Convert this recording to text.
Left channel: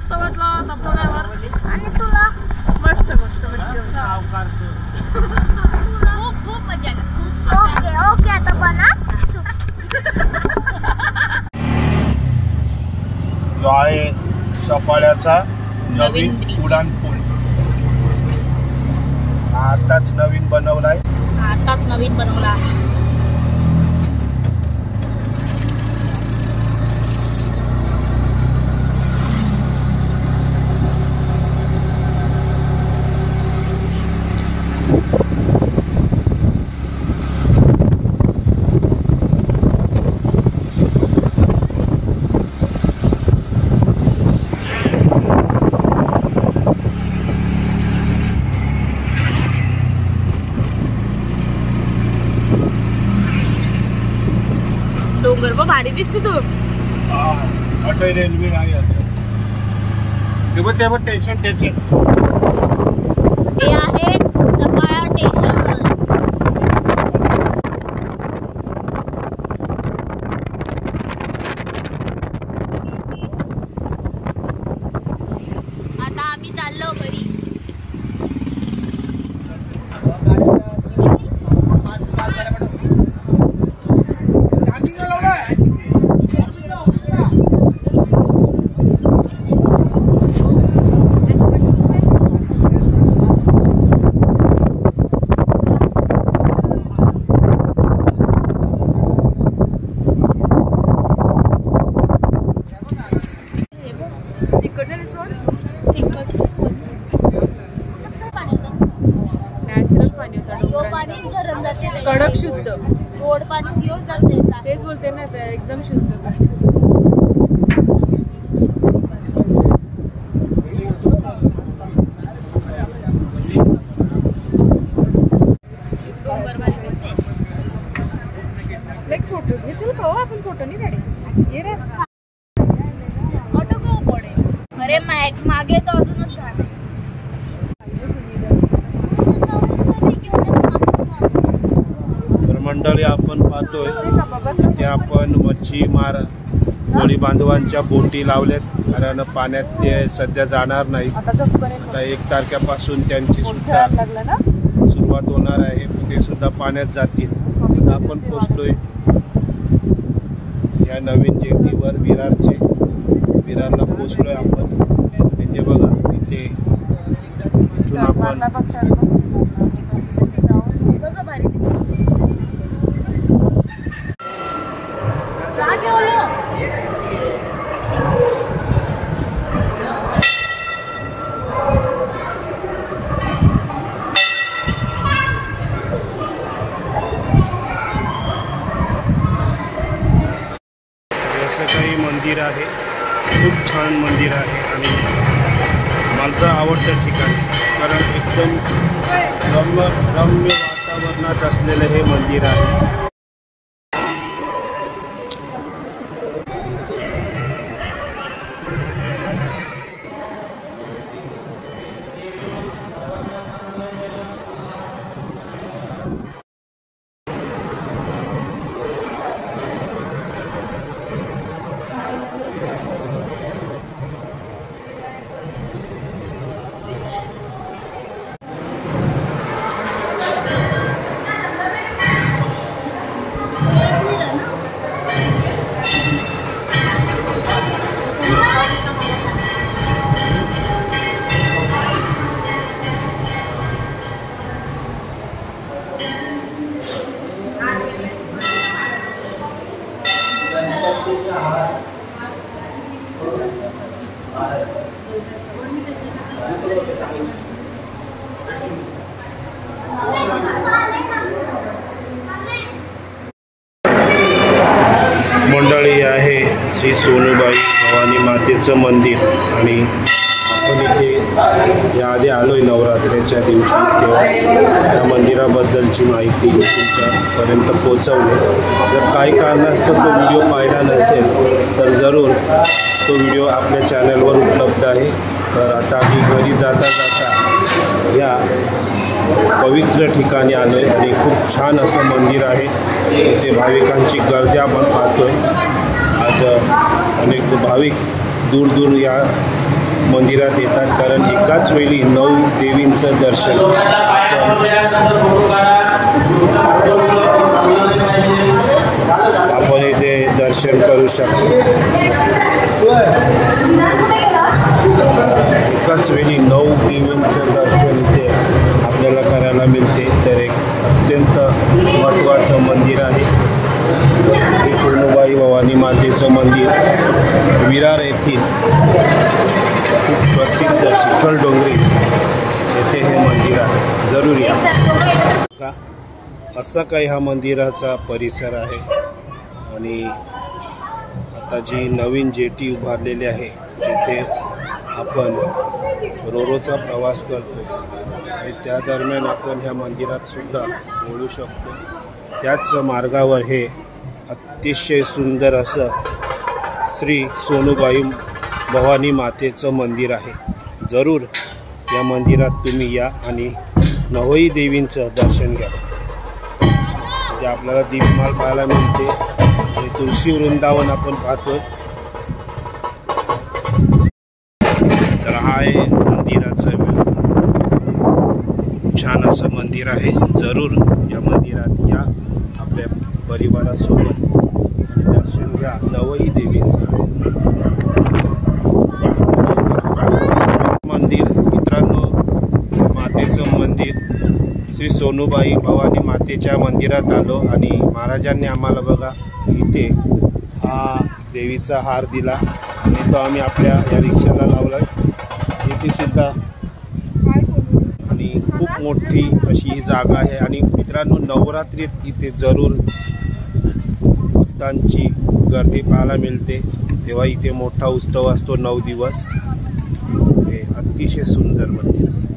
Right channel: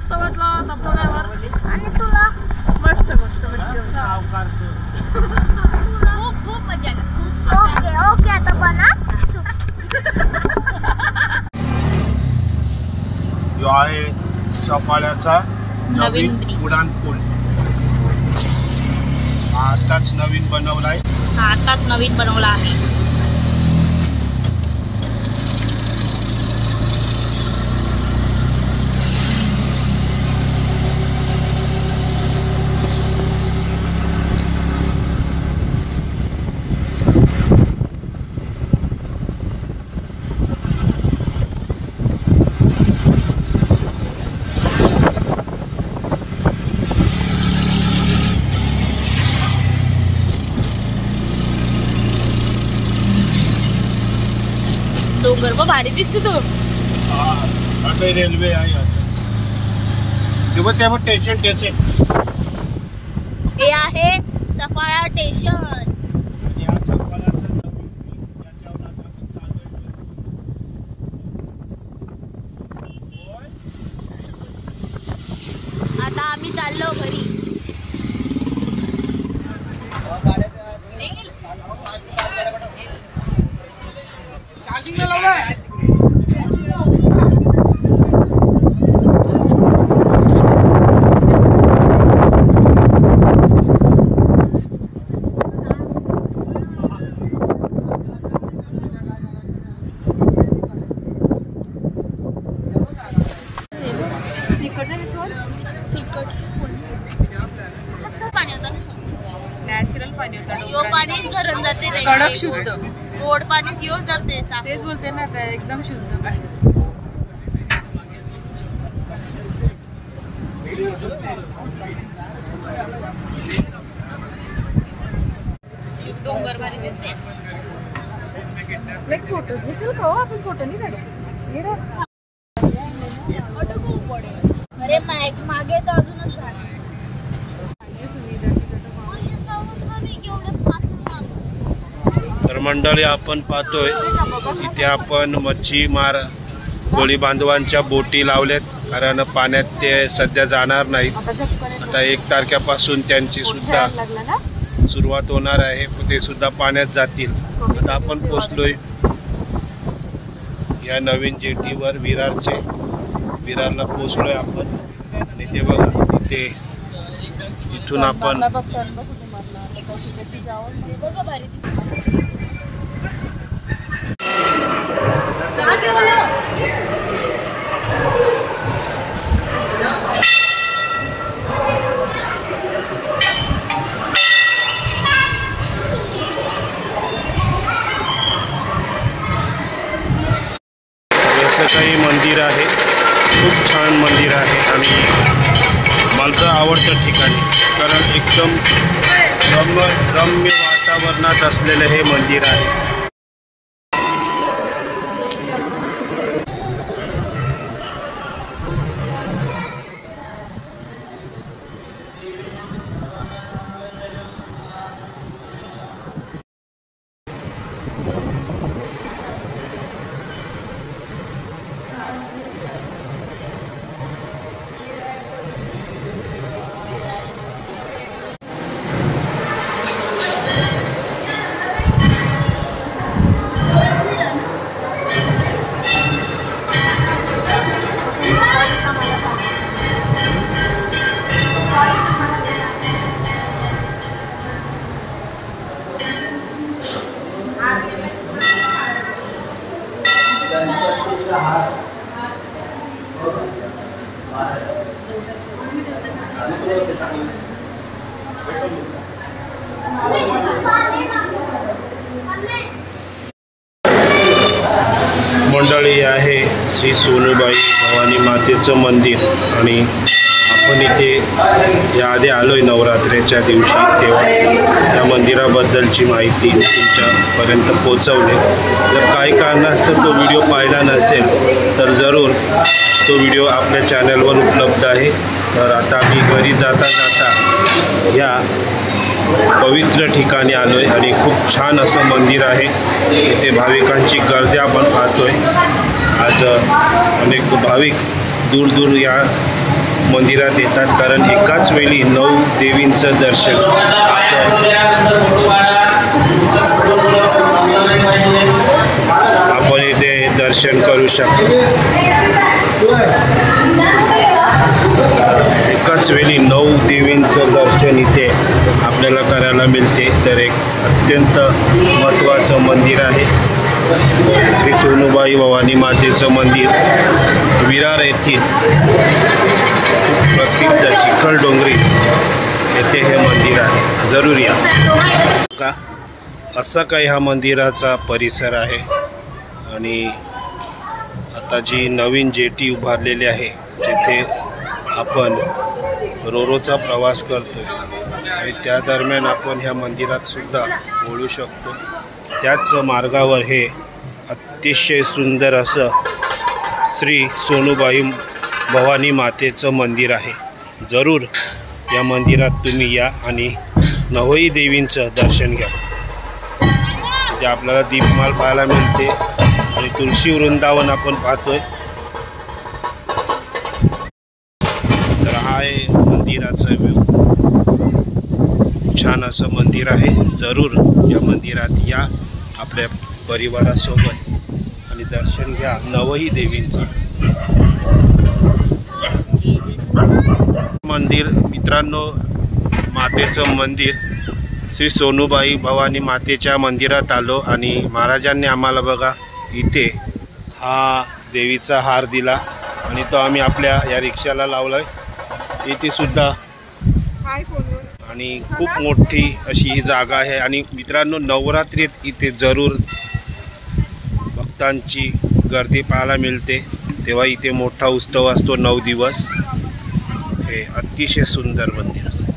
मस्त वाटलं धबधब्यावर. आणि तुला? मस्त मस्त मज्जा. खूप मजा आली. ओके ओके आता बना. जो आहे सफाळ्याचा नवीन उडान पूल. आताच नवीन बनवलाय. आताच नवीन बनवला आहे. डोंगर पण भारी दिसते तो. अटल रेल्वे आहे. तेव्हा तेव्हा स्टेशन स्टेशन हे आहे सफाळा स्टेशन. आता आम्ही चाललो घरी. कडक शुद्ध गोड पाणीच यूज करते. तेच बोलते ना ते एकदम शुद्ध. फोटो चल पाहू आपण. फोटो नाही काढे. ये रे ऑटो खूप पडे. अरे मागे तर अजूनच झाड. तर मंडळी आपण पाहतोय इथे आपण मच्छीमार कोळी बांधवांच्या बोटी लावल्यात. कारण पाण्यात ते सध्या जाणार नाहीत. आता 1 तारखेपासून त्यांची सुद्धा सुरुवात होणार आहे. ते सुद्धा पाण्यात जातील. आता आपण पोचलोय या नवीन जेटीवर विरारला पोचलोय आपण. इथे बघा इथे इथून आपण काही मंदिर आहे. खूप छान मंदिर आहे आणि मला तर आवडतं ठिकाणी. कारण एकदम रम्य वातावरणात असलेलं हे मंदिर आहे. मंडळी आहे श्री सोनूबाई भवानी मातेचं मंदिर. आणि आपण इथे याआधी आलोय नवरात्रीच्या दिवशी. तेव्हा त्या मंदिराबद्दलची माहिती तुमच्यापर्यंत पोहोचवली. जर काही कारणास्तव तो व्हिडिओ पाहिला नसेल तर जरूर तो व्हिडिओ आपल्या चॅनलवर उपलब्ध आहे. तर आता मी घरी जाता जाता या पवित्र ठिकाणी आलोय आणि खूप छान असं मंदिर आहे. इथे भाविकांची गर्दी आपण पाहतोय. आज अनेक भाविक दूर दूर या मंदिरात येतात, कारण एकाच वेळी 9 देवींचं दर्शन आपण इथे दर्शन करू शकतो। एकाच वेळी 9 देवींचं दर्शन इथे आपल्याला करायला मिळते। तर एक अत्यंत महत्त्वाचं मंदिर आहे श्री सोनूबाई भवानी मातेचं मंदिर, विरार येथील खूप प्रसिद्ध चिखलडोंगरी येथे हे मंदिर आहे। जरूर या का असा काही हा मंदिराचा परिसर आहे। आणि आता जी नवीन जेटी उभारलेली आहे, जिथे आपण रोरोचा प्रवास करतो आणि त्या दरम्यान आपण ह्या मंदिरात सुद्धा बोलू शकतो। त्याच मार्गावर हे अतिशय सुंदर असं श्री सोनूबाई भवानी मातेचं मंदिर आहे। जरूर या मंदिरात तुम्ही या आणि 9ही देवींचं दर्शन घ्या। जे आपल्याला दीपमाल पाहायला मिळते आणि तुळशी वृंदावन आपण पाहतोय। तर हा आहे मंदिराचा व्ह्यू, छान असं मंदिर आहे। जरूर या मंदिरात या आपल्या परिवारासोबत आणि दर्शन घ्या 9ही देवींचं मंदिर। मित्रांनो, मातेचं मंदिर श्री सोनूबाई भवानी मातेच्या मंदिरात आलो आणि महाराजांनी आम्हाला बघा इथे हा देवीचा हार दिला आणि तो आम्ही आपल्या या रिक्षाला लावला इथे सुद्धा। आणि खूप मोठी अशी ही जागा आहे। आणि मित्रांनो, नवरात्रीत इथे जरूर भक्तांची गर्दी पाहायला मिळते, तेव्हा इथे मोठा उत्सव असतो 9 दिवस। हे अतिशय सुंदर मंदिर असतं।